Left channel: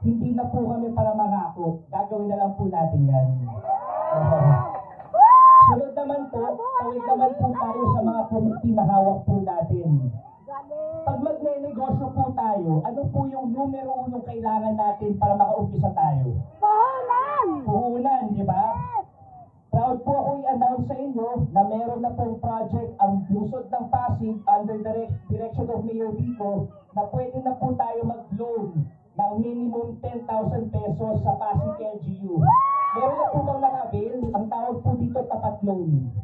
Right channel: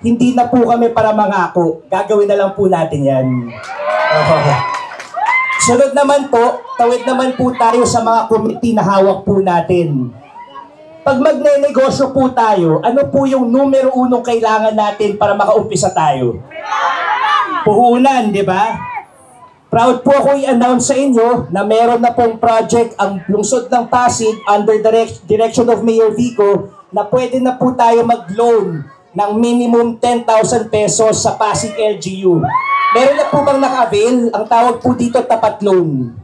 hindi na po kami para mangako. Gagawin na lang po natin yan. Sunod naman po, tawid naman po tayo sa mga committee na hawak po natin. Pag magne-negosyo po tayo, ano po yung numero unong kailangan natin para makaumpisa tayo? Puhunan, di ba? Proud po ako i-announce sa inyo na meron na pong project ang lungsod ng Pasig under direction of Mayor Vico na pwede na po tayo mag-loan ng minimum 10,000 pesos sa Pasig LGU. Meron na po bang naka-avail? Ang tawag po dito tapat loan.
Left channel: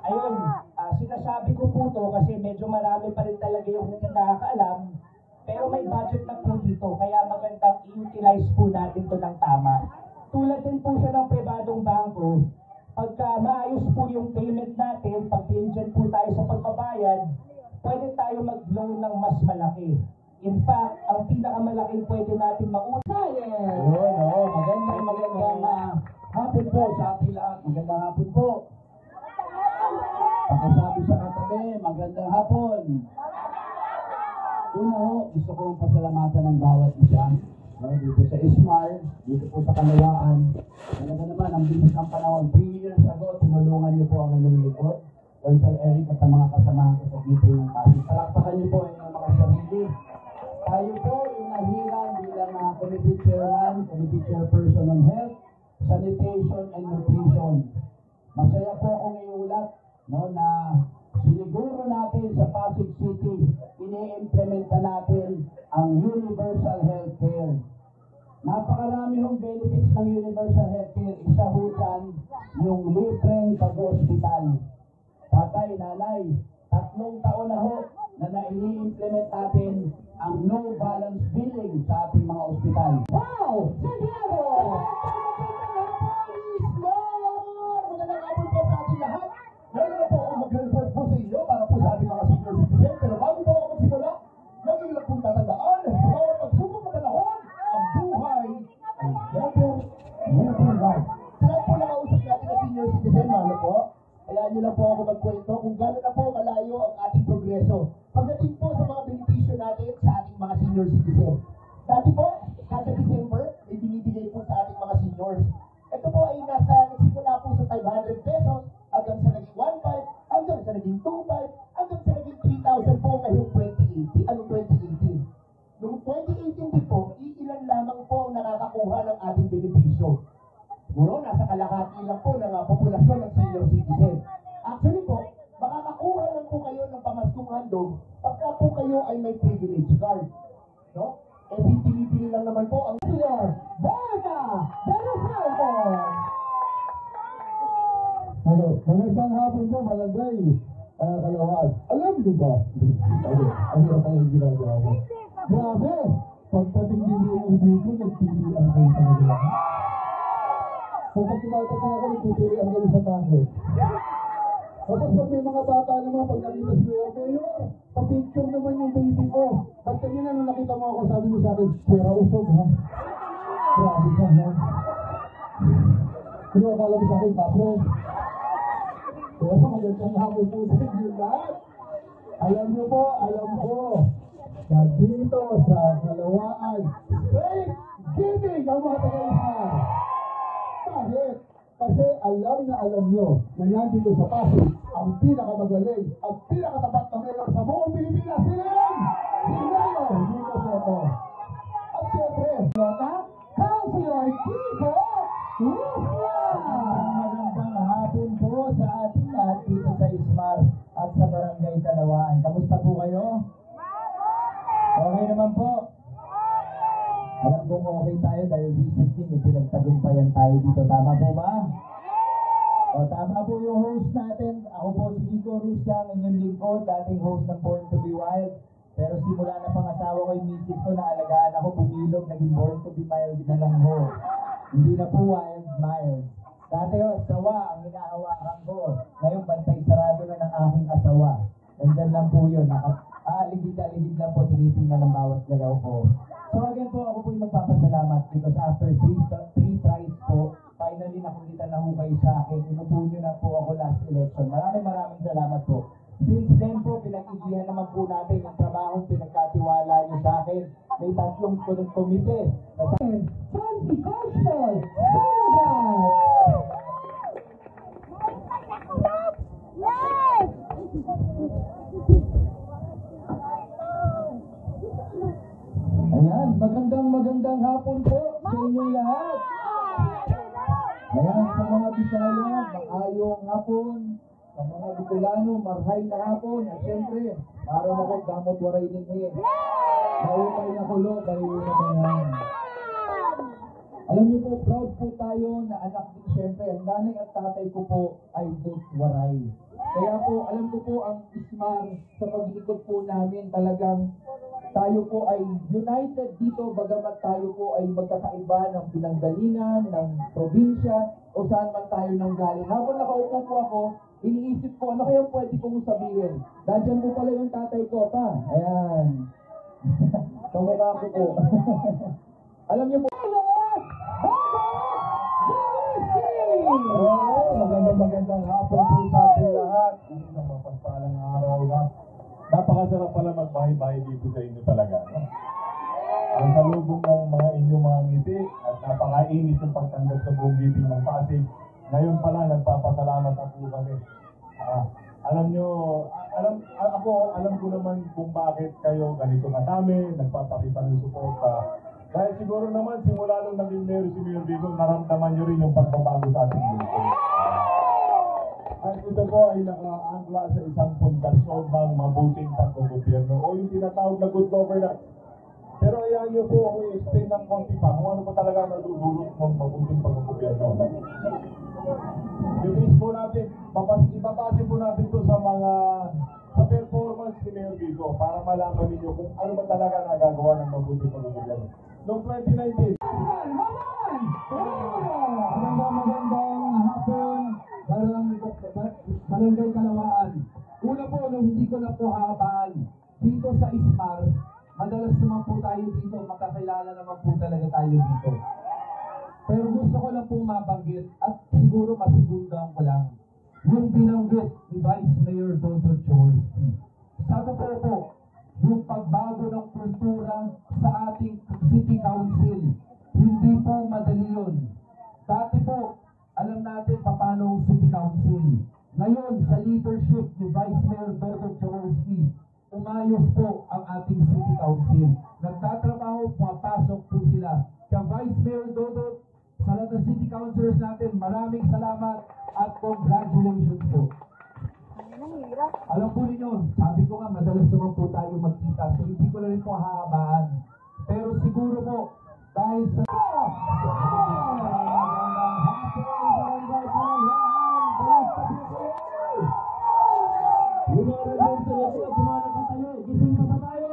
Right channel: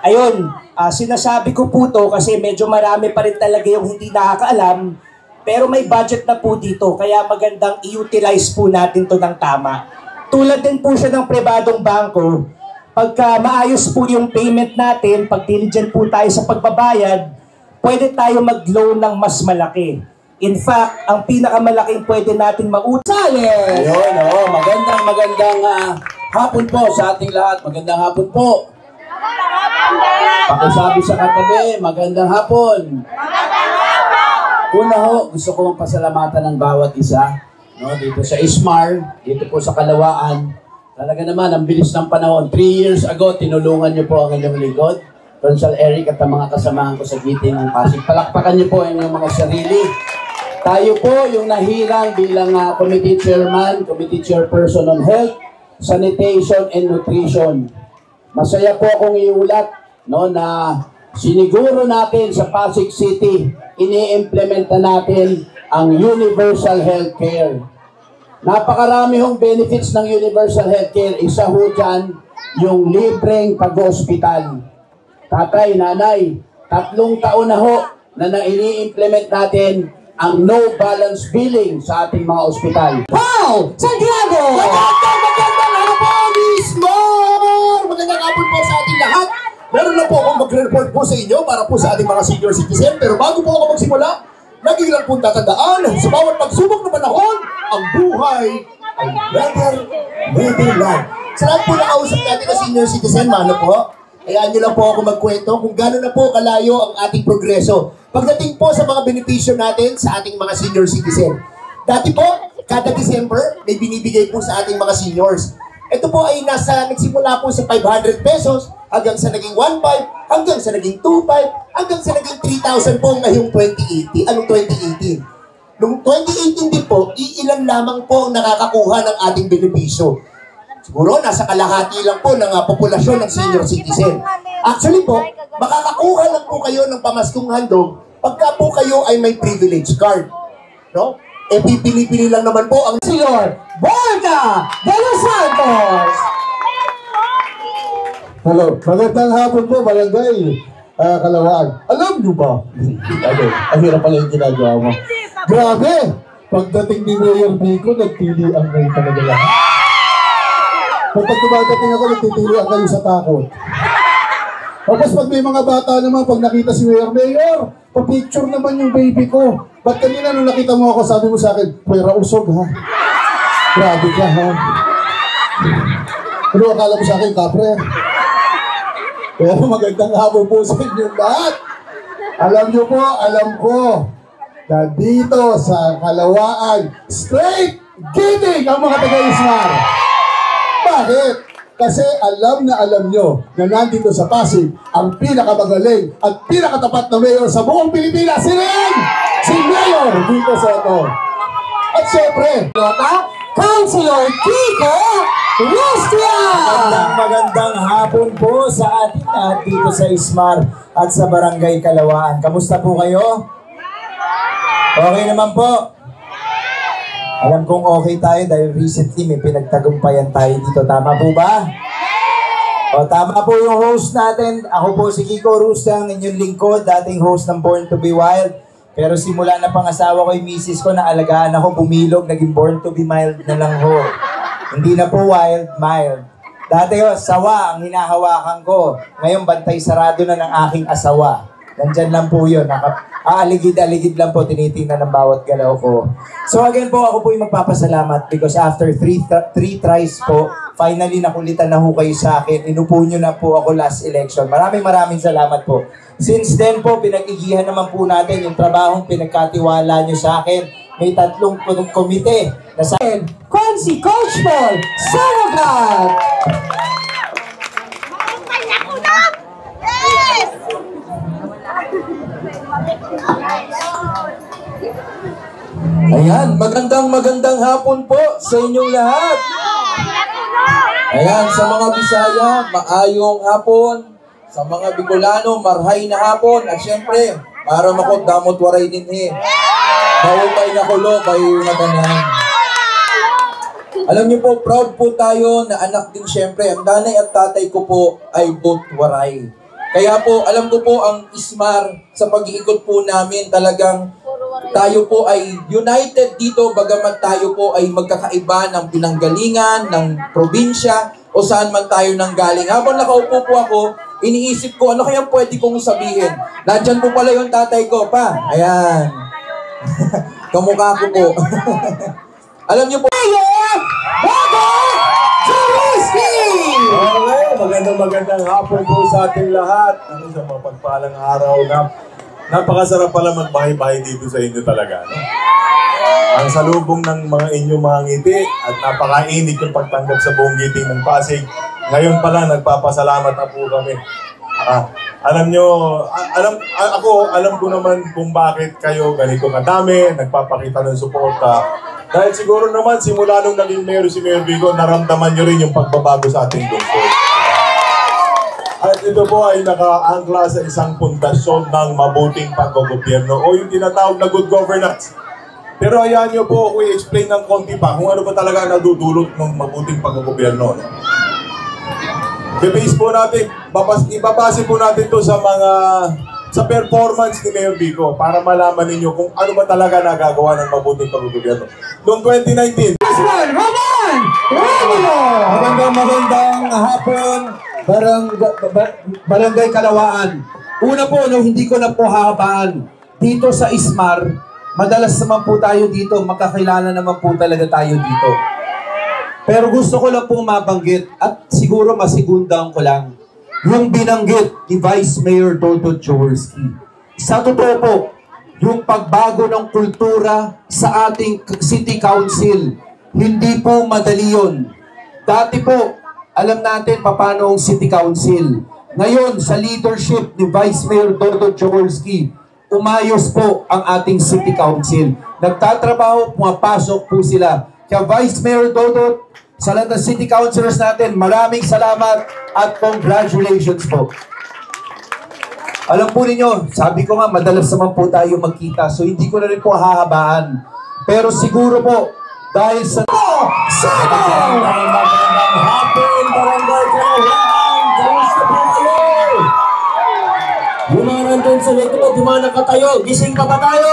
Ayun, sinasabi ko po to kasi medyo marami pa rin talaga yung hindi nakakaalam, pero may budget na po dito kaya magandang i-utilize po natin to ng tama. Tulad din po siya ng pribadong bangko, pagka maayos po yung payment natin, pag diligent po tayo sa pagbabayad, pwede tayo mag-loan ng mas malaki. In fact, ang pinakamalaking pwede natin mautali. Ayun, magandang hapon po sa ating lahat. Magandang hapon po. Pakisabi sa katabi, magandang hapon. Una ho, gusto kong pasalamatan ng bawat isa. No, dito sa Ismar, dito po sa Kalawaan. Talaga naman, ang bilis ng panahon. 3 years ago, tinulungan niyo po ang inyong lingkod. Consul Eric at ang mga kasamahan ko sa Giting ng Pasig. Palakpakan niyo po ang inyong mga sarili. Tayo po yung nahirang bilang committee chairman, committee chairperson on health, sanitation, and nutrition. Masaya po akong iulat no, na siniguro natin sa Pasig City, ini-implementa natin ang universal healthcare. Napakarami hong benefits ng universal healthcare. Isa ho dyan, yung libreng pag-hospital. Tatay, nanay, 3 taon na ho na ini-implement natin ang no balance billing sa ating mga ospital. Wow! Santiago! Magandang hapon, Ismar! Magandang hapon po sa ating lahat. Meron na po akong mag-report po sa inyo para po sa ating mga senior citizen. Pero bago po ako magsimula, lagi lang pong tatandaan, sa bawat pagsubok na panahon, ang buhay ay better life. Sa lahat po nakausap natin na senior citizen, mano po, hayaan nyo lang po ako magkwento kung gano'n na po kalayo ang ating progreso. Pagdating po sa mga benepisyo natin sa ating mga senior citizen. Dati po, kada December, may binibigay po sa ating mga seniors. Ito po ay nagsimula po sa 500 pesos, hanggang sa naging 1.5, hanggang sa naging 2.5, hanggang sa naging 3,000 po ngayong 2018. Noong 2018 din po, iilan lamang po ang nakakakuha ng ating benepisyo. Siguro, nasa kalahati lang po ng populasyon ng senior citizen. Actually po, makakakuha lang po kayo ng pamaskong handog pagka po kayo ay may privilege card. No? Pipili-pili lang naman po ang Senyor Borga de los Santos! Hello, magandang hapon po, Barangay Kalawaan. Alam nyo ba? Ang hirap pala yung ginagawa mo. Grabe! Pagdating ni Mayor Vico, nagpilian kayo talaga lang. Pag dumadating ako, nagtitilian kayo sa takot. Tapos pag may mga bata naman, pag nakita si Mayor, pa-picture naman yung baby ko. Ba't kanina nung nakita mo ako, sabi mo sa akin, pwera usog ha? Grabe ka ha? Pero akala mo sa akin, kapre. Pero magandang hapon po sa inyo lahat. Alam nyo po, alam ko, na dito sa Kalawaan, straight Giting ang mga taga-Ismar. Bakit? Kasi alam nyo na nandito sa Pasig ang pinakamagaling at pinakatapat na mayor sa buong Pilipinas. Si Mayor Vico Soto. At syempre, Councilor Kiko Rustia! Magandang hapon po sa ating lahat dito sa Ismar at sa Barangay Kalawaan. Kamusta po kayo? Okay naman po. Alam kong okay tayo dahil recently may pinagtagumpayan tayo dito. Tama po ba? O, tama po yung host natin. Ako po si Kiko Rustia, ang inyong lingkod, dating host ng Born to be Wild. Pero simula na pangasawa ko yung misis ko na alagaan ako, bumilog, naging Born to be Mild na lang ho. Hindi na po wild, mild. Dati ho, sawa ang hinahawakan ko. Ngayon, bantay sarado na ng aking asawa. Nandyan lang po yun. Aaligid-aligid lang po, tinitingnan ng bawat galaw ko. So again po, ako po yung magpapasalamat because after three tries po, finally nakulitan na ho kayo sa akin. Inupo nyo na po ako last election. Maraming salamat po. Since then po, pinag-igihan naman po natin yung trabahong pinagkatiwala nyo sa akin. May 3 komite na sa akin. Consi Coach Paul Saragat! Ayan, magandang hapon po sa inyong lahat. Ayan, sa mga Bisaya, maayong hapon. Sa mga Bicolano, marhay na hapon. At syempre, para makot damot waray din Maupay na kulo, kayo na tanan. Alam niyo po, proud po tayo na anak din syempre. Ang nanay at tatay ko po ay both waray. Kaya po, alam ko po ang Ismar sa pag-iikot po namin talagang tayo po ay united dito bagamat tayo po ay magkakaiba ng pinanggalingan, ng probinsya o saan man tayo nanggaling. Habang nakaupo po ako, iniisip ko ano kaya pwede kong sabihin. Nandyan po pala yung tatay ko pa. Ayan. Kamukha ko po. Alam niyo po. Okay, magandang hapon po sa ating lahat. Sa mapagpalang araw na napakasarap pala magbahay-bahay dito sa inyo talaga. No? Ang salubong ng mga inyong mga ngiti at napakainit yung pagtanggap sa buong giting ng Pasig. Ngayon pala nagpapasalamat na po kami. Alam nyo, alam ko naman kung bakit kayo ganito kadami, nagpapakita ng suporta. Dahil siguro naman simula nung naging mayor si Mayor Vico, naramdaman nyo rin yung pagbabago sa ating lungsod. At ito po ay nakaangkla sa isang pundasyon ng mabuting paggogobyerno o yung tinatawag na good governance. Pero hayaan nyo po ako i-explain ng konti pa kung ano ba talaga nadudulot ng mabuting paggogobyerno. I-base po natin, ibabase po natin to sa performance ni Mayor Vico para malaman ninyo kung ano ba talaga nagagawa ng mabuting paggogobyerno. Noong 2019, Magandang hapon, Barangay Kalawaan. Una po, hindi ko na po hahabaan. Dito sa Ismar, madalas naman po tayo dito, magkakilala naman po talaga tayo dito. Pero gusto ko lang pong mabanggit at siguro masigundang ko lang yung binanggit ni Vice Mayor Toto Jaworski. Sa totoo po, yung pagbago ng kultura sa ating City Council, hindi po madali yun. Dati po, alam natin paano ang City Council. Ngayon, sa leadership ni Vice Mayor Toto Jaworski, umayos po ang ating City Council. Nagtatrabaho, pumapasok po sila. Kaya Vice Mayor Toto, sa lahat ng City Councilors natin, maraming salamat at congratulations po. Alam po ninyo, sabi ko nga, madalas naman po tayo magkita, so hindi ko na rin po hahabaan. Pero siguro po, dahil sa... Magandang hapon, Barangay Kalawaan! Kamusta po kayo? Yung mga nandun sa likod, yung mga nakatayo, gising pa ba tayo?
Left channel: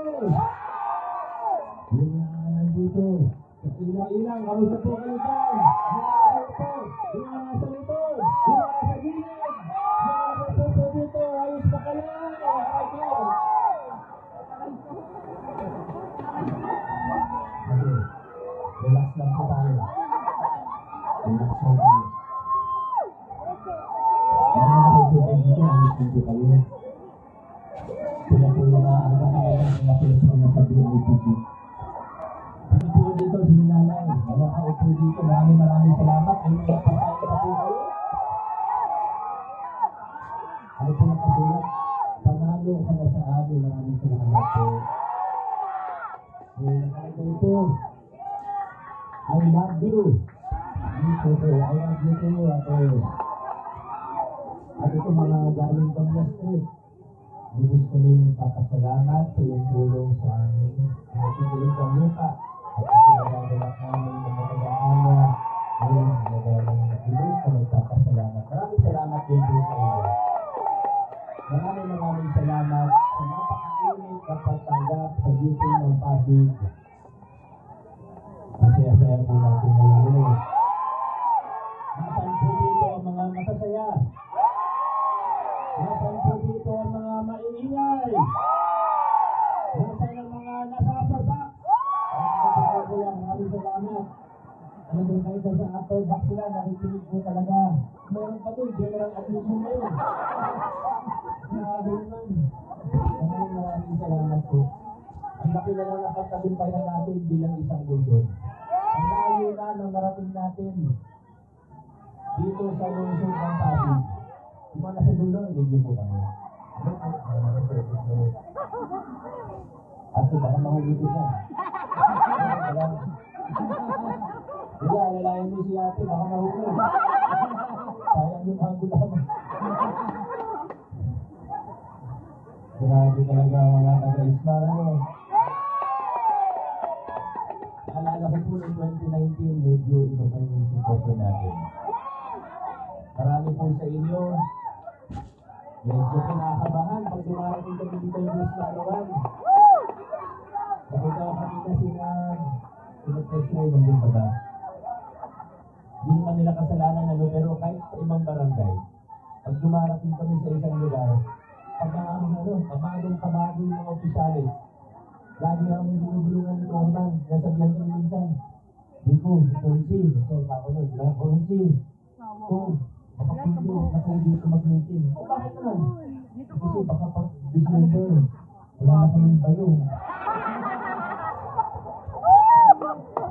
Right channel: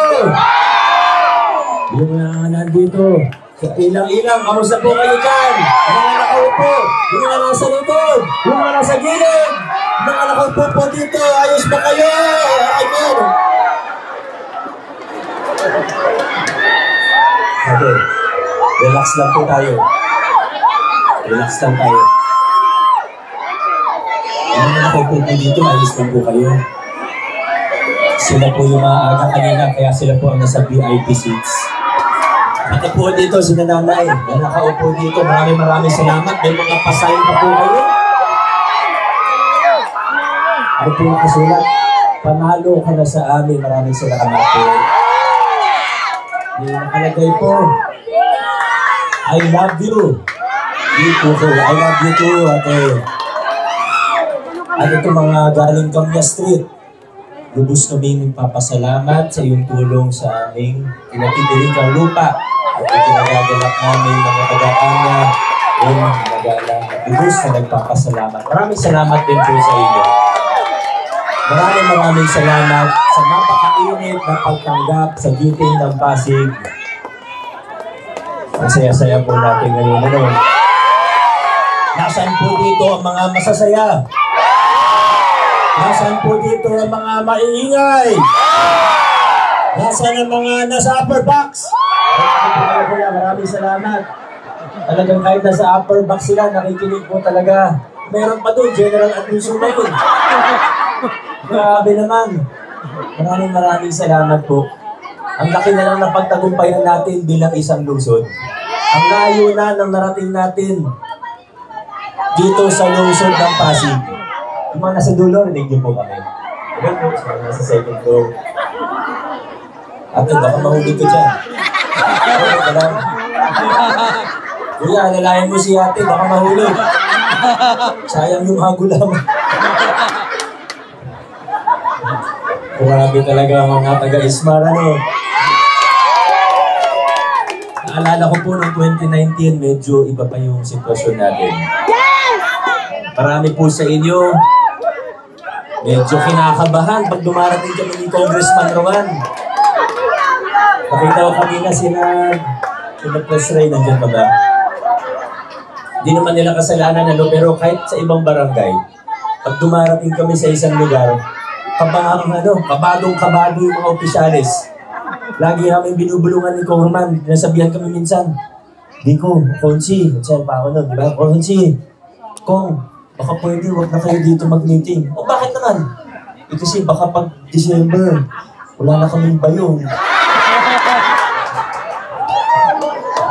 Yung mga nandito, sa ilang-ilang, kamusta po kayo dyan? Yung mga nakaupo, yung mga nasa likod, yung mga nasa gilid, yung mga nakaupo po dito, ayos ba kayo? Ayun! Okay. Relax lang po tayo. Relax lang tayo. Yung nakaupo po dito, ayos lang po kayo. Sila po yung maaga kanina, kaya sila po ang nasa VIP seats. Pati po dito, si nanay, na nakaupo dito, maraming salamat. May mga pasayin pa po kayo. Ano po yung kasulat? Panalo ka na sa amin, maraming salamat po. Yung nakalagay po, I love you. Dito ko, I love you too, ate. Ano ito mga galing Kamya Street? Lubos kami nagpapasalamat sa iyong tulong sa aming kinatidirikang lupa at ikinagagalak namin mga taga-Kamya yung nagalang lubos na nagpapasalamat. Maraming salamat din po sa inyo. Maraming salamat sa napakainit na pagtanggap sa giting ng Pasig. Ang saya-saya po natin ngayon. Ano? Nasaan po dito ang mga masasaya? Nasaan po dito ang mga maiingay? Nasaan ang mga nasa upper box? Kuya, maraming salamat. Talagang kahit nasa upper box sila, nakikinig po talaga. Meron pa doon, General Anuso na yun. Grabe naman. Maraming salamat po. Ang laki na lang ng pagtagumpayan natin bilang isang lungsod. Ang layo na ng narating natin dito sa lungsod ng Pasig. Yung mga nasa dulo, rinig niyo po kami. Diba po, nasa second floor. Ate, baka mahuli ko dyan. Kuya, alalayan mo si ate, baka mahuli. Sayang yung hago lamang. Grabe talaga ang mga taga-Ismar, ano? Naalala ko po noong 2019, medyo iba pa yung sitwasyon natin. Marami po sa inyo, medyo kinakabahan pag dumarating kami ni Congressman Roman. Nakita ko kanina sila Press Ray, nandiyan pa ba? Hindi naman nila kasalanan, ano, pero kahit sa ibang barangay, pag dumarating kami sa isang lugar, kabadong-kabado yung mga opisyalis. Lagi namin binubulungan ni Congressman, nasabihan kami minsan, Biko, Konsi, saan pa ako nun, diba? Konsi, Kong, baka pwede, huwag na kayo dito mag-meeting. O bakit naman? Kasi baka pag December, wala na kaming payong.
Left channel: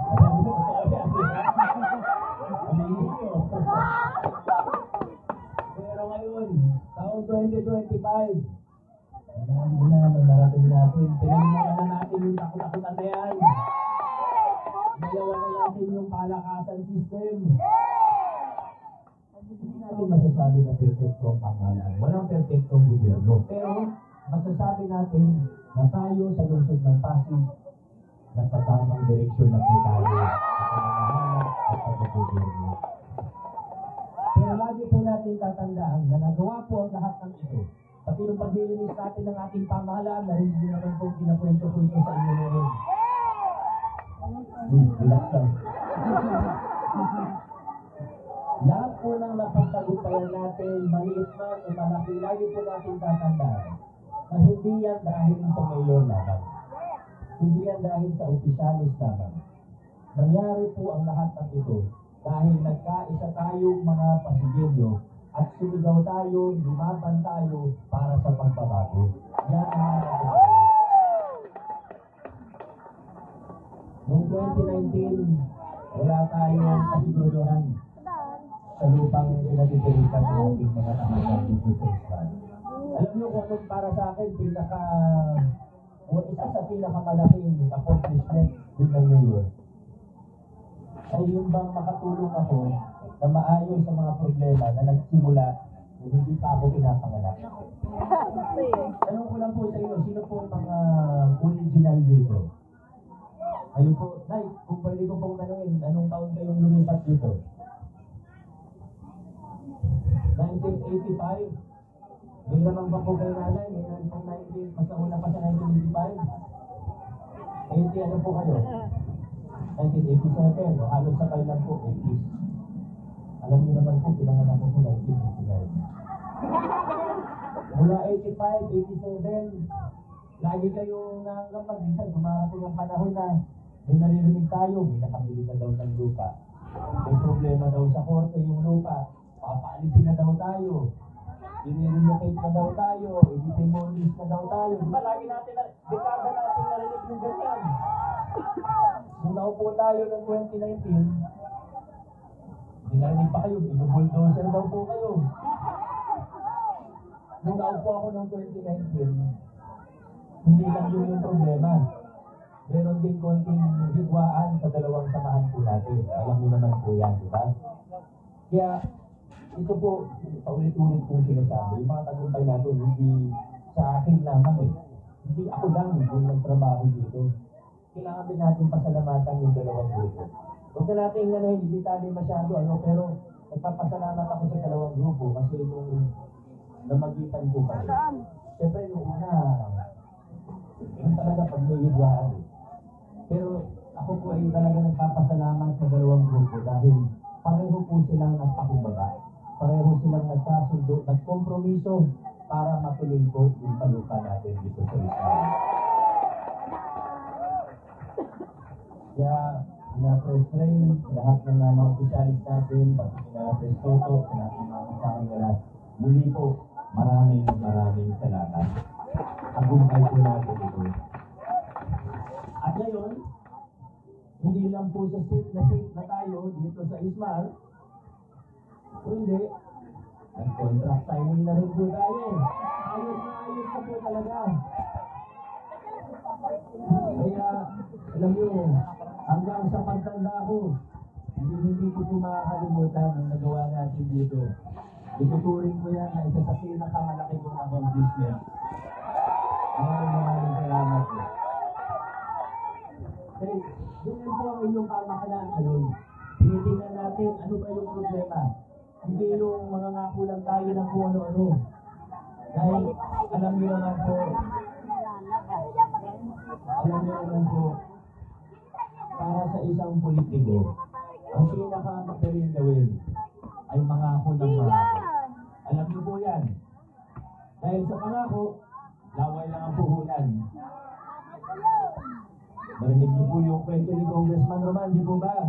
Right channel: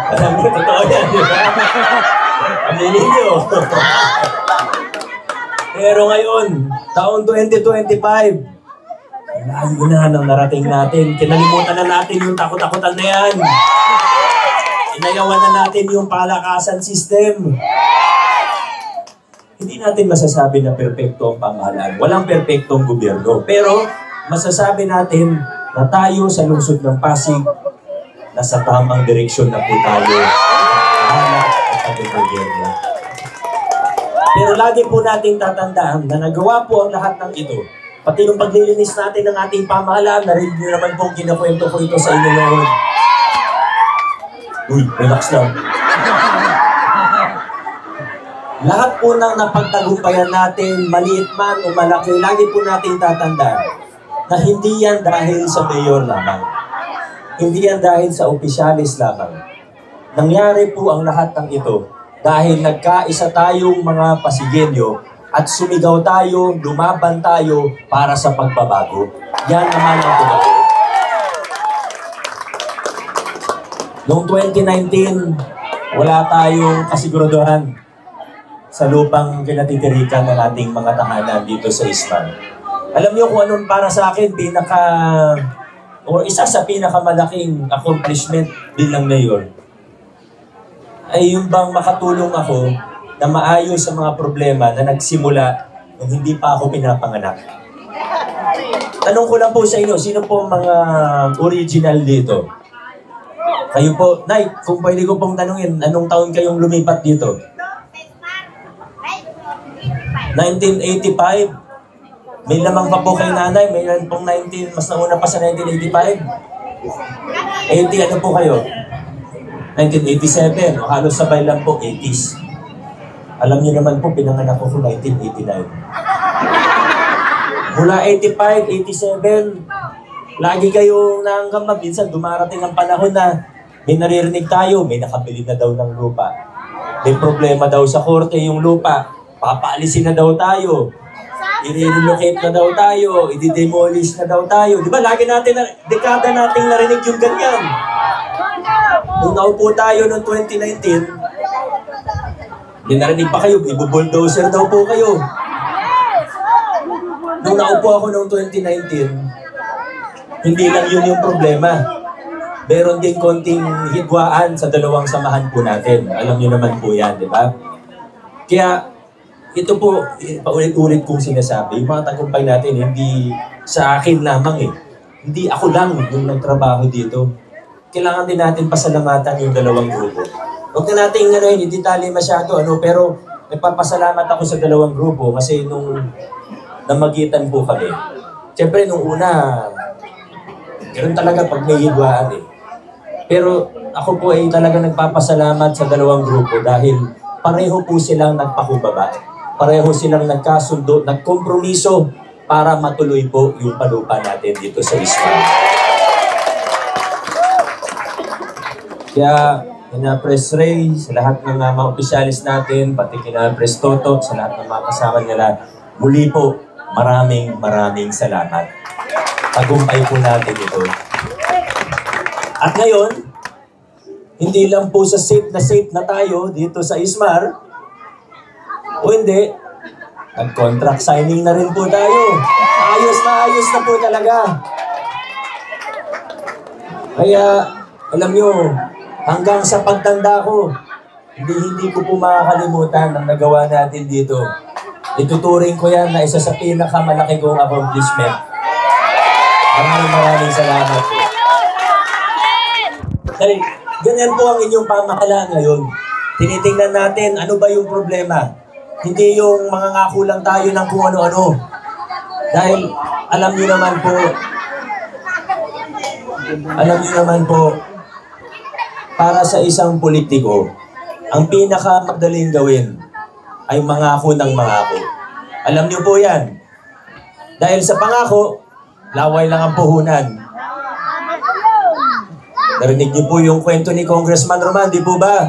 Alam niyo, totoo yan, di ba? Aminin niyo. Pero ngayon, taon 2025, layo na nang narating natin. Kinalimutan na natin yung takot-takutan na yan. Inayawan na natin yung palakasan system. Hindi natin masasabi na perpekto ang pamahalaan. Walang perpektong gobyerno. Pero masasabi natin na tayo sa lungsod ng Pasig, nasa tamang direksyon na po tayo at ating gobyerno. Pero lagi po natin tatandaan na nagawa po ang lahat ng ito. Pati yung paglilinis natin ng ating pamahalaan, narinig nyo naman po kinakwento ko ito sa inyo noon. Uy, relax lang. Lahat po ng napagtagumpayan natin, maliit man o malaki, lagi po natin tatandaan na hindi yan dahil sa mayor lamang. Hindi yan dahil sa opisyalis lamang. Nangyari po ang lahat ng ito dahil nagkaisa tayong mga Pasigenyo at sumigaw tayo, lumaban tayo para sa pagbabago. Yan naman ang totoo. Noong 2019, wala tayong kasiguraduhan sa lupang kinatitirikan ng ating mga tahanan dito sa Isman. Alam niyo kung anong para sa akin isa sa pinakamalaking accomplishment bilang mayor ay yung bang makatulong ako na maayos sa mga problema na nagsimula nung hindi pa ako pinapanganak. Tanong ko lang po sa inyo, sino po mga original dito? Kayo po, Nay, kung pwede ko pong tanungin, anong taon kayong lumipat dito? 1985? May lamang pa po kay nanay, may pong 19, mas nauna pa sa 1985. 80, ano po kayo? 1987, o halos sabay lang po, 80s. Alam niyo naman po, pinanganak ko 1989. Mula 85, 87, lagi kayong nanggamba. Minsan dumarating ang panahon na may naririnig tayo, may nakabili na daw ng lupa. May problema daw sa korte yung lupa. Papaalisin na daw tayo. I-relocate na daw tayo, i-demolish na daw tayo. Di ba, lagi natin, dekada nating narinig yung ganyan. Nung naupo tayo noong 2019, hindi narinig pa kayo, ibubulldozer daw po kayo. Nung naupo ako noong 2019, hindi lang yun yung problema. Meron din konting hidwaan sa dalawang samahan po natin. Alam niyo naman po yan, di ba? Kaya, ito po, paulit-ulit kong sinasabi, yung mga tagumpay natin, hindi sa akin lamang eh. Hindi ako lang yung nagtrabaho dito. Kailangan din natin pasalamatan yung dalawang grupo. Huwag na natin hindi tali masyado, pero nagpapasalamat ako sa dalawang grupo kasi nung namagitan po kami. Siyempre, nung una, ganoon talaga pag may hidwaan eh. Pero ako po ay talaga nagpapasalamat sa dalawang grupo dahil pareho po silang nagpakumbaba. Pareho silang nagkasundo, nagkompromiso para matuloy po yung palupa natin dito sa Isman. Kaya kina Press Ray, sa lahat ng mga opisyalis natin, pati kina Press Toto, sa lahat ng mga kasama nila, muli po, maraming salamat. Tagumpay po natin ito. At ngayon, hindi lang po sa safe na tayo dito sa Ismar, o hindi, nag-contract signing na rin po tayo. Ayos na po talaga. Kaya, alam nyo, hanggang sa pagtanda ko, hindi ko po makakalimutan ang nagawa natin dito. Ituturing ko yan na isa sa pinakamalaki kong accomplishment. Maraming salamat po. Dahil ganyan po ang inyong pamahalaan ngayon. Tinitingnan natin ano ba yung problema. Hindi yung mga ngako lang tayo ng kung ano-ano. Dahil alam niyo naman po, para sa isang politiko, ang pinakamadaling gawin ay mangako ng mangako. Alam niyo po yan. Dahil sa pangako, laway lang ang puhunan. Narinig niyo po yung kwento ni Congressman Roman, di po ba?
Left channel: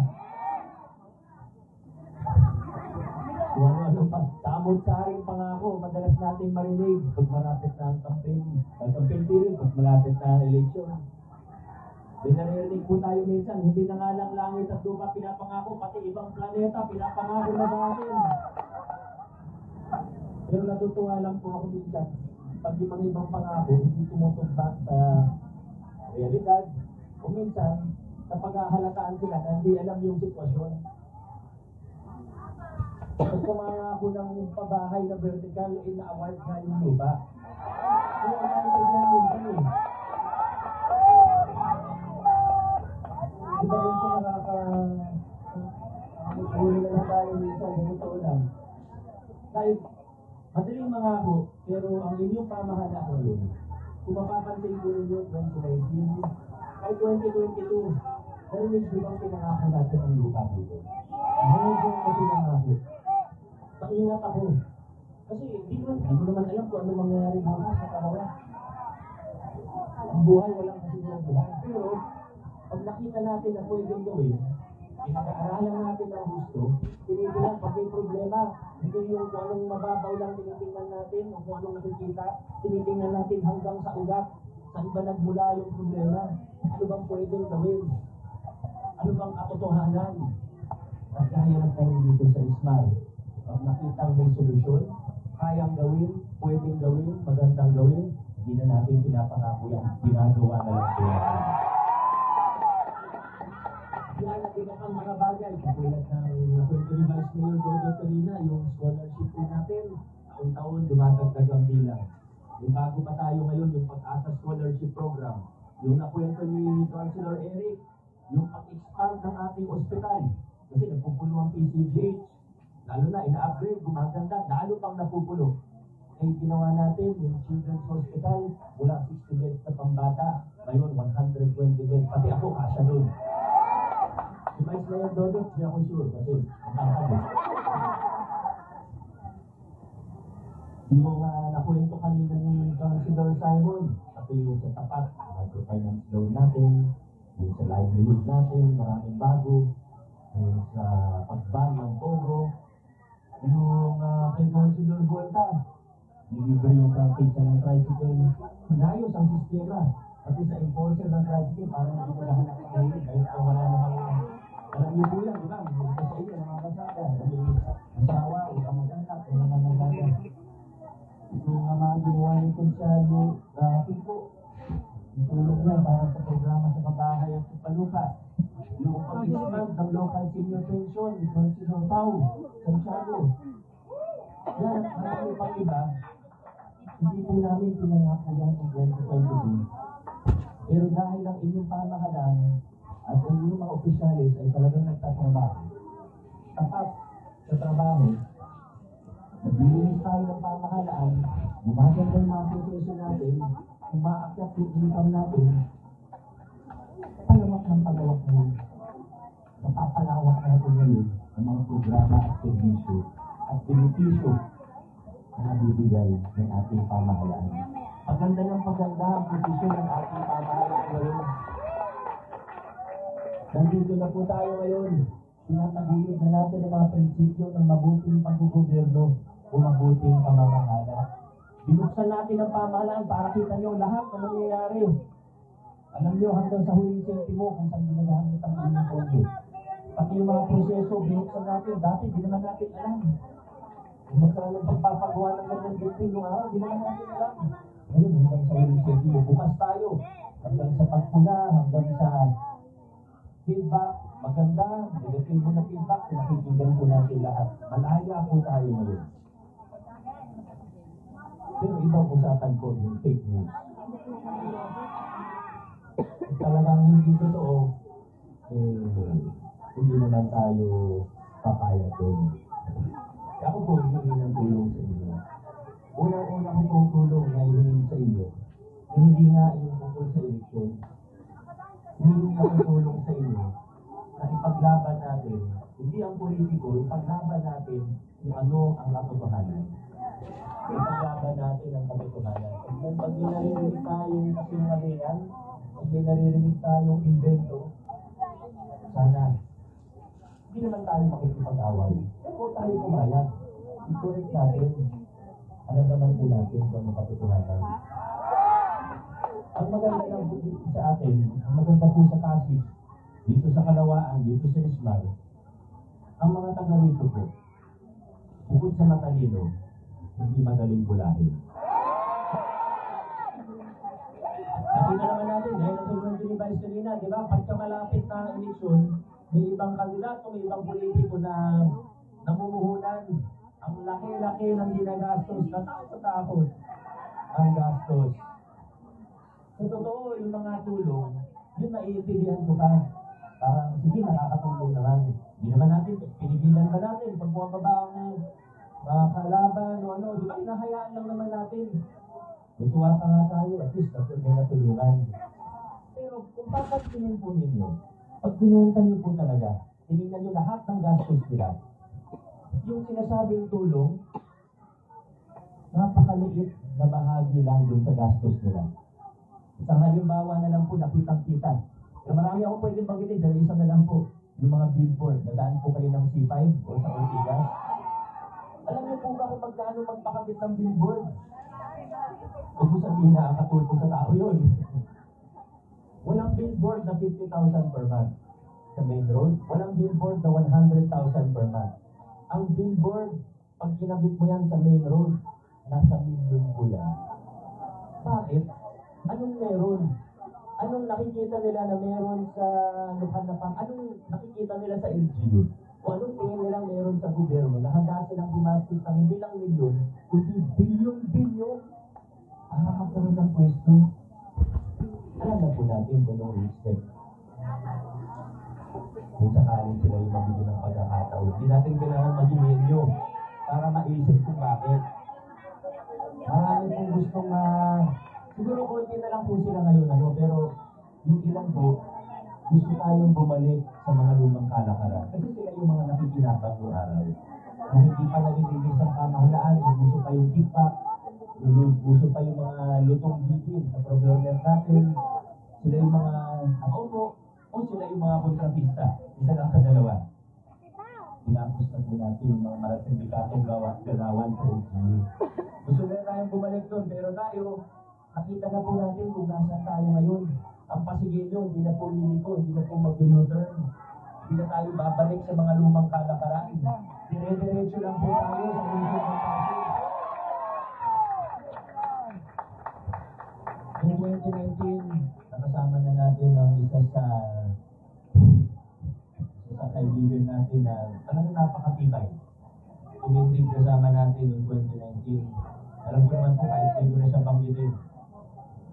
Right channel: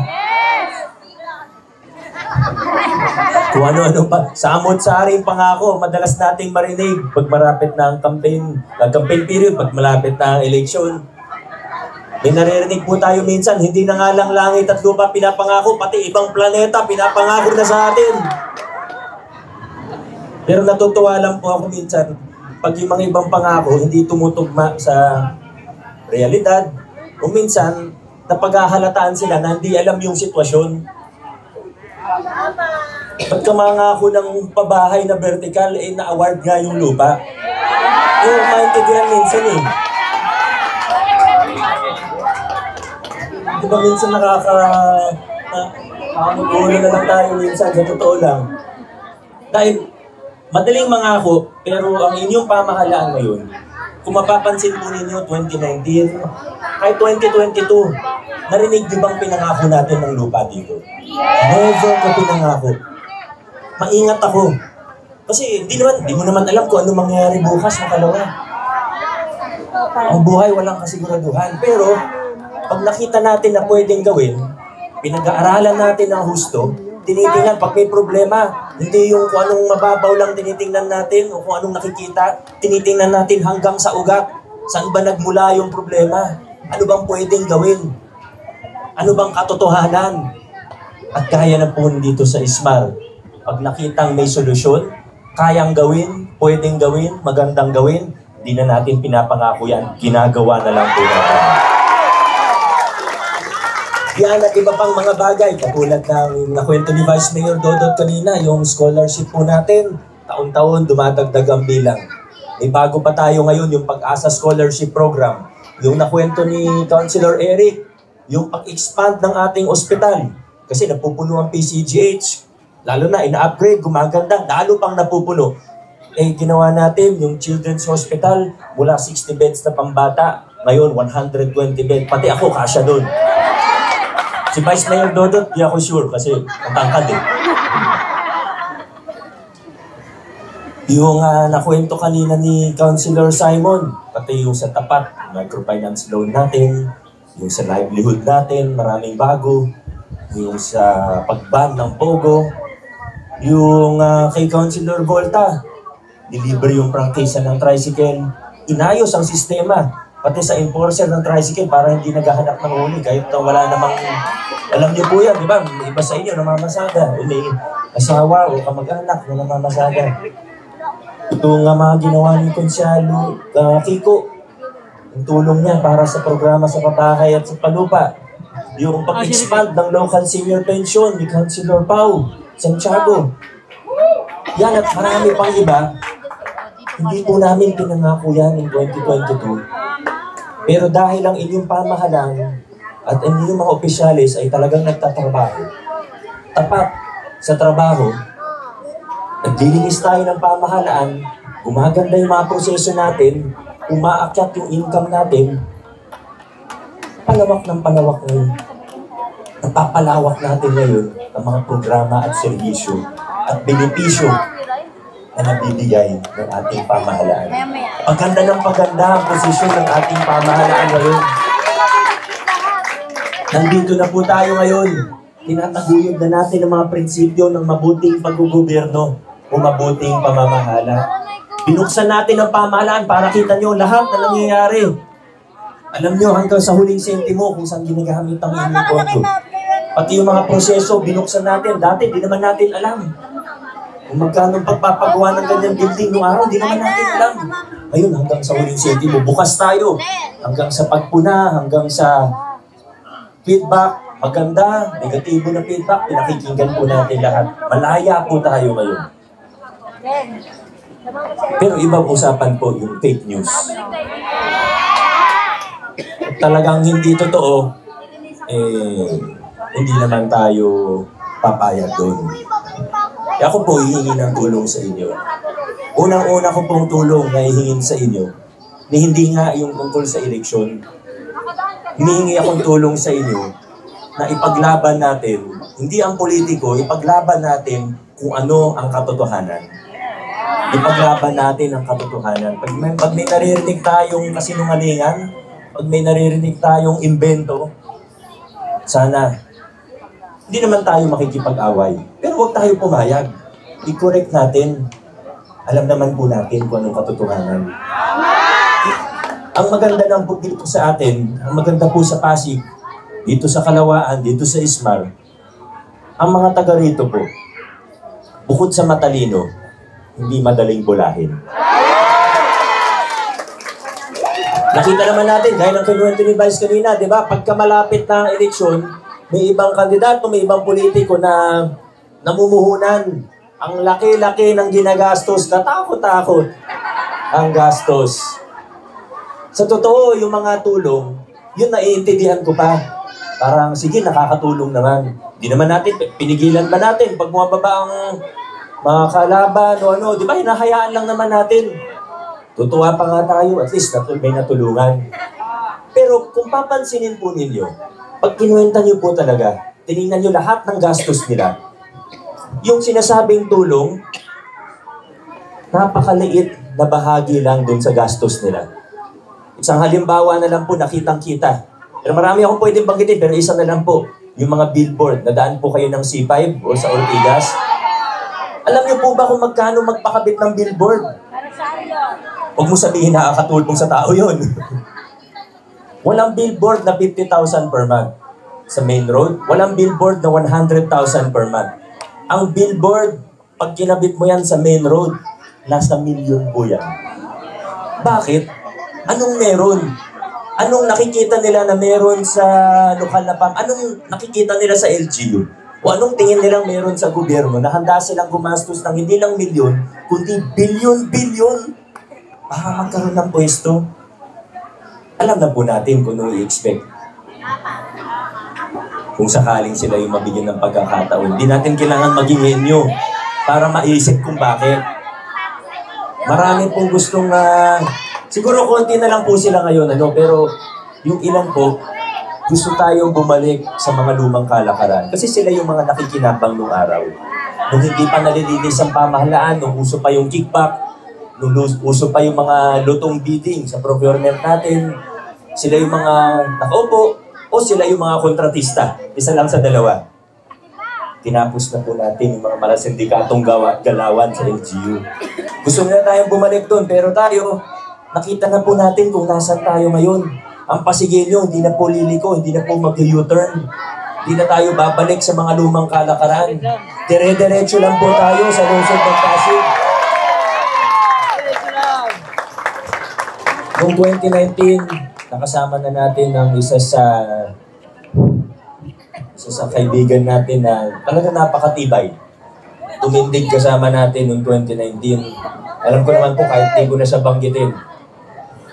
Kung ano-ano pa. Sa amot-saring pangako, madalas nating marinig pag malapit na ang campaign period, pag malapit na ang eleksyon. May naririnig po tayo minsan, hindi na nga lang langit at lupa pinapangako, pati ibang planeta pinapangako na sa atin. Pero natutuwa lang po ako minsan, pag yung mga ibang pangako hindi tumutugma sa realidad, o minsan, napaghahalataan sila na hindi alam yung sitwasyon. Pagka mangako ng pabahay na vertical, na-award nga yung lupa. Maintindihan minsan eh. Diba minsan nakakagulo na lang tayo minsan, sa totoo lang. Dahil madaling mangako, pero ang inyong pamahalaan ngayon, kung mapapansin po ninyo, 2019, kahit 2022, narinig di bang pinangako natin ng lupa dito? Never ko pinangako. Maingat ako. Kasi di mo naman alam kung ano mangyayari bukas na kalawa. Ang buhay walang kasiguraduhan. Pero, pag nakita natin na pwedeng gawin, pinag-aaralan natin ng husto, tinitingnan pag may problema, hindi yung kung anong mababaw lang tinitingnan natin o kung anong nakikita, tinitingnan natin hanggang sa ugat. Saan ba nagmula yung problema? Ano bang pwedeng gawin? Ano bang katotohanan? At kaya na po dito sa Ismar, pag nakitang may solusyon, kayang gawin, pwedeng gawin, magandang gawin, hindi na natin pinapangako yan, ginagawa na lang po natin. Yan at iba pang mga bagay, katulad ng nakwento ni Vice Mayor Dodot kanina, yung scholarship po natin, taon-taon dumadagdag ang bilang. May bago pa tayo ngayon, yung Pag-asa Scholarship Program. Yung nakwento ni Councilor Eric, yung pag-expand ng ating ospital. Kasi napupuno ang PCGH, lalo na ina-upgrade, gumaganda, lalo pang napupuno. Ginawa natin yung Children's Hospital, mula 60 beds na pambata, ngayon 120 beds. Pati ako, kasya doon. Si Vice Mayor Dodot, di ako sure kasi matangkad eh. Yung nakwento kanina ni Councilor Simon, pati yung sa tapat, microfinance loan natin, yung sa livelihood natin, maraming bago, yung sa pag-ban ng Pogo, yung kay Councilor Volta, deliver yung prangkisa ng tricycle, inayos ang sistema, pati sa enforcer ng tricycle para hindi naghahanap ng huli kahit wala namang, alam niyo po yan, di ba? May iba sa inyo namamasada, may asawa o kamag-anak na namamasada. Ito nga mga ginawa ni Konsyalo Kiko, ang tulong niya para sa programa sa Papakay at sa Palupa. Yung pag-expand ng local senior pension ni Councilor Pau Santiago. Yan at marami pang iba. Hindi po namin pinangako yan in 2022. Pero dahil ang inyong pamahalaan at ang inyong mga opisyalis ay talagang nagtatrabaho, tapat sa trabaho, naglilinis tayo ng pamahalaan, gumaganda yung mga proseso natin, umaakyat yung income natin, palawak ng palawak ngayon. Napapalawak natin ngayon ang mga programa at serbisyo at benepisyo na nabibigay ng ating pamahalaan. Paganda ng paganda ang posisyon ng ating pamahalaan ngayon. Nandito na po tayo ngayon. Tinataguyod na natin ang mga prinsipyo ng mabuting paggugobyerno o mabuting pamamahala. Binuksan natin ang pamahalaan para kita nyo lahat na nangyayari. Alam nyo hanggang sa huling sentimo kung saan ginagamit ang inyong pondo. Pati yung mga proseso, binuksan natin. Dati, di naman natin alam. Kung magkano pagpapagawa ng ganyang building noong araw, di naman natin alam. Ayun, hanggang sa huling sentimo, bukas tayo. Hanggang sa pagpuna, hanggang sa feedback, maganda, negatibo na feedback, pinakikinggan po natin lahat. Malaya po tayo ngayon. Pero ibang usapan po yung fake news. Talagang hindi totoo, hindi naman tayo papayag doon. Kaya ako po hihingi ng tulong sa inyo. Unang-una ko pong tulong na hihingin sa inyo, ni hindi nga yung tungkol sa eleksyon. Hinihingi akong tulong sa inyo na ipaglaban natin, hindi ang politiko, ipaglaban natin kung ano ang katotohanan. Ipaglaban natin ang katotohanan. Pag may naririnig tayong kasinungalingan, pag may naririnig tayong imbento, sana, hindi naman tayo makikipag-away. Pero huwag tayo pumayag. I-correct natin. Alam naman po natin kung anong katotohanan. Ang maganda ng dito sa atin, ang maganda po sa Pasig, dito sa Kalawaan, dito sa Ismar, ang mga taga rito po, bukod sa matalino, hindi madaling bulahin. Nakita naman natin, gaya ng kinuwento ni Vice kanina, di ba? Pagka malapit na ang eleksyon, may ibang kandidato, may ibang politiko na namumuhunan. Ang laki-laki ng ginagastos, katakot-takot ang gastos. Sa totoo, yung mga tulong, yun naiintindihan ko pa. Parang, sige, nakakatulong naman. Di naman natin, pinigilan ba natin? Pag bumababa ang mga kalaban o ano, di ba, hinahayaan lang naman natin. Tutuwa pa nga tayo, at least may natulungan. Pero kung papansinin po ninyo, pag kinuwenta nyo po talaga, tinignan nyo lahat ng gastos nila, yung sinasabing tulong, napakaliit na bahagi lang dun sa gastos nila. Isang halimbawa na lang po, nakitang-kita. Pero marami akong pwedeng banggitin, pero isa na lang po. Yung mga billboard, nadaan po kayo ng C5 o sa Ortigas. Alam niyo po ba kung magkano magpakabit ng billboard? Huwag mo sabihin nakakatulong sa tao yun. Walang billboard na 50,000 per month sa main road. Walang billboard na 100,000 per month. Ang billboard, pag kinabit mo yan sa main road, nasa milyon po yan. Bakit? Anong meron? Anong nakikita nila na meron sa lokal na anong nakikita nila sa LGU? O anong tingin nilang meron sa gobyerno na handa silang gumastos ng hindi lang milyon, kundi bilyon-bilyon para magkaroon ng pwesto? Alam na po natin kung ano i-expect. Kung sakaling sila yung mabigyan ng pagkakataon, hindi natin kailangan maging henyo para maisip kung bakit. Marami pong gustong siguro konti na lang po sila ngayon, pero yung ilan po, gusto tayong bumalik sa mga lumang kalakaran. Kasi sila yung mga nakikinabang noong araw. Nung hindi pa nalilinis ang pamahalaan, nung uso pa yung kickback, nung uso pa yung mga lutong bidding sa procurement natin, sila yung mga nakaupo o sila yung mga kontratista. Isa lang sa dalawa. Tinapos na po natin yung mga malasindikatong galawan sa LGU. Gusto na tayong bumalik doon, pero tayo, nakita na po natin kung nasan tayo ngayon. Ang Pasigilyo, hindi na po liliko, hindi na po mag-U-turn. Hindi na tayo babalik sa mga lumang kalakaran. Dire-diretso lang po tayo sa lungsod ng Pasig. Noong 2019, nakasama na natin ang isa sa kaibigan natin na talaga napakatibay. Tumindig kasama natin noong 2019. Alam ko naman po, kahit hindi ko na siya banggitin,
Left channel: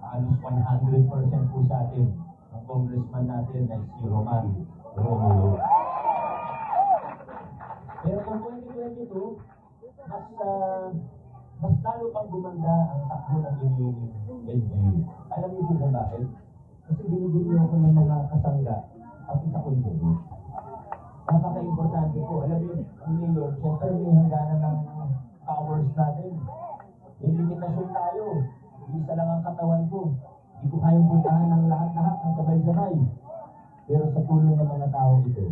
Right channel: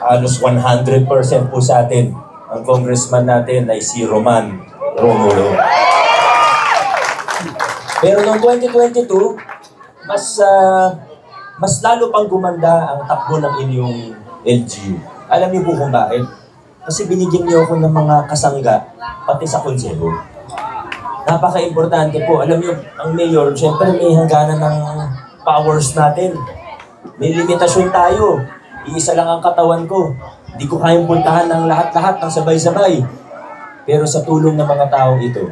halos 100% po sa atin ang congressman natin ay si Roman Romulo. Pero noong 2022, mas lalo pang gumanda ang takbo ng inyong LGU. Alam niyo po kung bakit? Kasi binigyan niyo ako ng mga kasangga, pati sa konseho. Napaka-importante po. Alam niyo, ang mayor, syempre may hangganan ng powers natin. May limitasyon tayo. Iisa lang ang katawan ko. Hindi ko kayang puntahan ng lahat-lahat ng sabay-sabay. Pero sa tulong ng mga taong ito,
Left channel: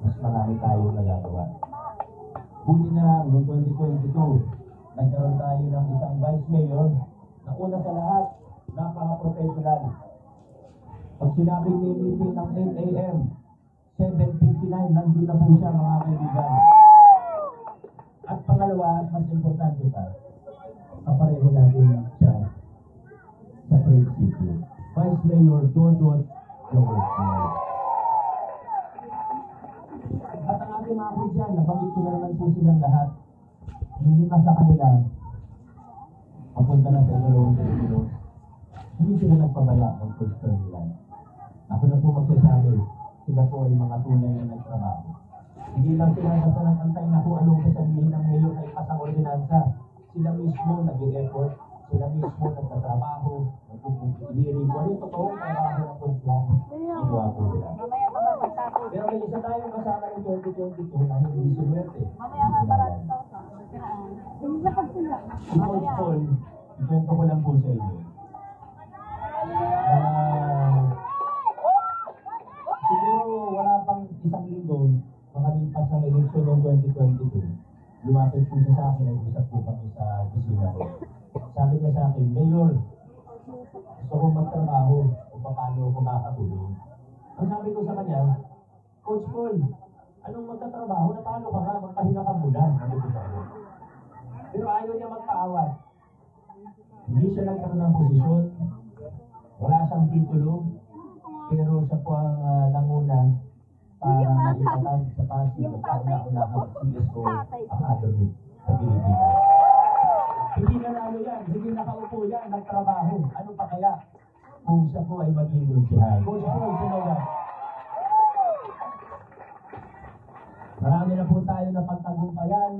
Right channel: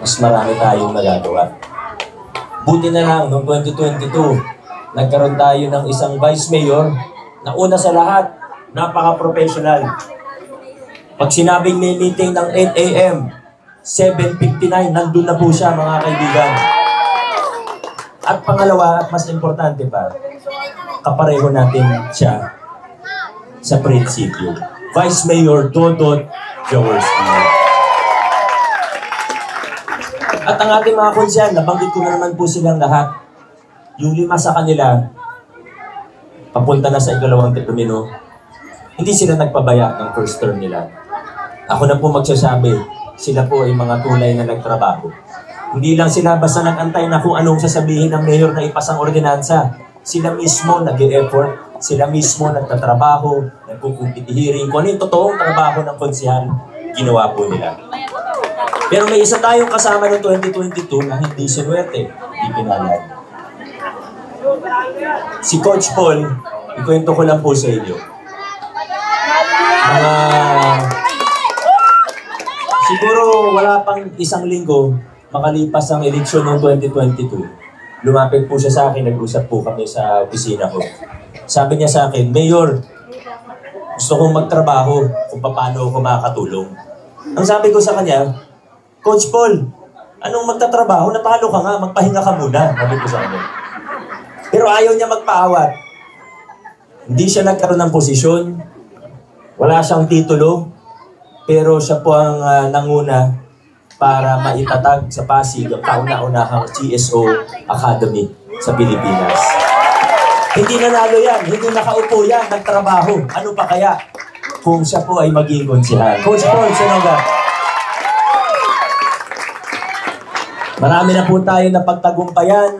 mas marami tayong nagagawa. Buti na lang, noong 2022, nagkaroon tayo ng isang vice mayor na una sa lahat, napaka-professional. Pag sinabing may meeting ng 8 a.m., 7:59, nandun na po siya, mga kaibigan. At pangalawa, at mas importante pa, kapareho natin siya sa prinsipyo. Vice Mayor Dodot Jaworski. At ang ating mga konsyal, nabanggit ko na naman po silang lahat. Yung 5 sa kanila, papunta na sa ikalawang termino, hindi sila nagpabaya ng first term nila. Ako na po magsasabi, sila po ay mga tunay na nagtrabaho. Hindi lang sila basta nag-antay na kung anong sasabihin ng mayor na ipasang ordinansa. Sila mismo nag-e-effort, sila mismo nagtatrabaho, nagkukumpiti-hearing. Kung ano yung totoong trabaho ng konsyal, ginawa po nila. Pero may isa tayong kasama noong 2022 na hindi sinuwerte, hindi pinalad. Si Coach Paul, ikwento ko lang po sa inyo. Siguro wala pang isang linggo, makalipas ang eleksyon noong 2022, lumapit po siya sa akin, nag-usap po kami sa opisina ko. Sabi niya sa akin, Mayor, gusto kong magtrabaho kung paano ako makakatulong. Ang sabi ko sa kanya, Coach Paul, anong magtatrabaho? Natalo ka nga, magpahinga ka muna. Sabi ko sa kanya. Pero ayaw niya magpaawat. Hindi siya nagkaroon ng posisyon, wala siyang titulo, pero siya po ang nanguna para maitatag sa Pasig ang kauna-unahang GSO Academy sa Pilipinas. Hindi nanalo yan, hindi nakaupo yan, nagtrabaho. Ano pa kaya kung siya po ay maging konsyehal? Coach Paul Senoga. Marami na po tayo na pagtagumpayan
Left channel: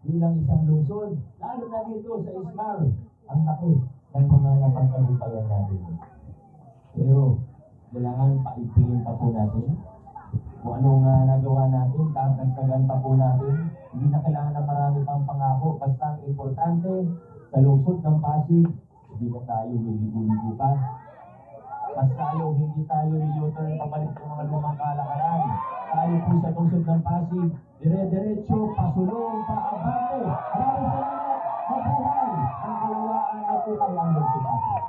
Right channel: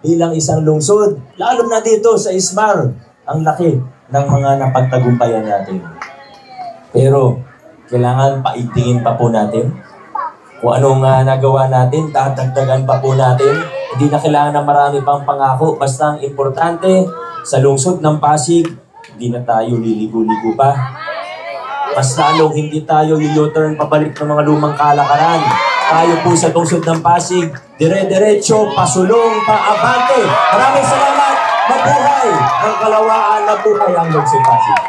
bilang isang lungsod. Lalo na dito sa Ismar, ang laki ng mga napagtagumpayan natin. Pero kailangan paigtingin pa po natin. Kung anong nagawa natin, tatagdagan pa po natin. Hindi na kailangan ng marami pang pangako. Basta ang importante, sa lungsod ng Pasig, hindi na tayo liligo-ligo pa. Mas lalong hindi tayo u-turn pabalik ng mga lumang kalakaran. Tayo po sa lungsod ng Pasig, dire-diretso, pasulong, paabante. Maraming salamat. Mabuhay ang Kalawaan, mabuhay ang lungsod Pasig.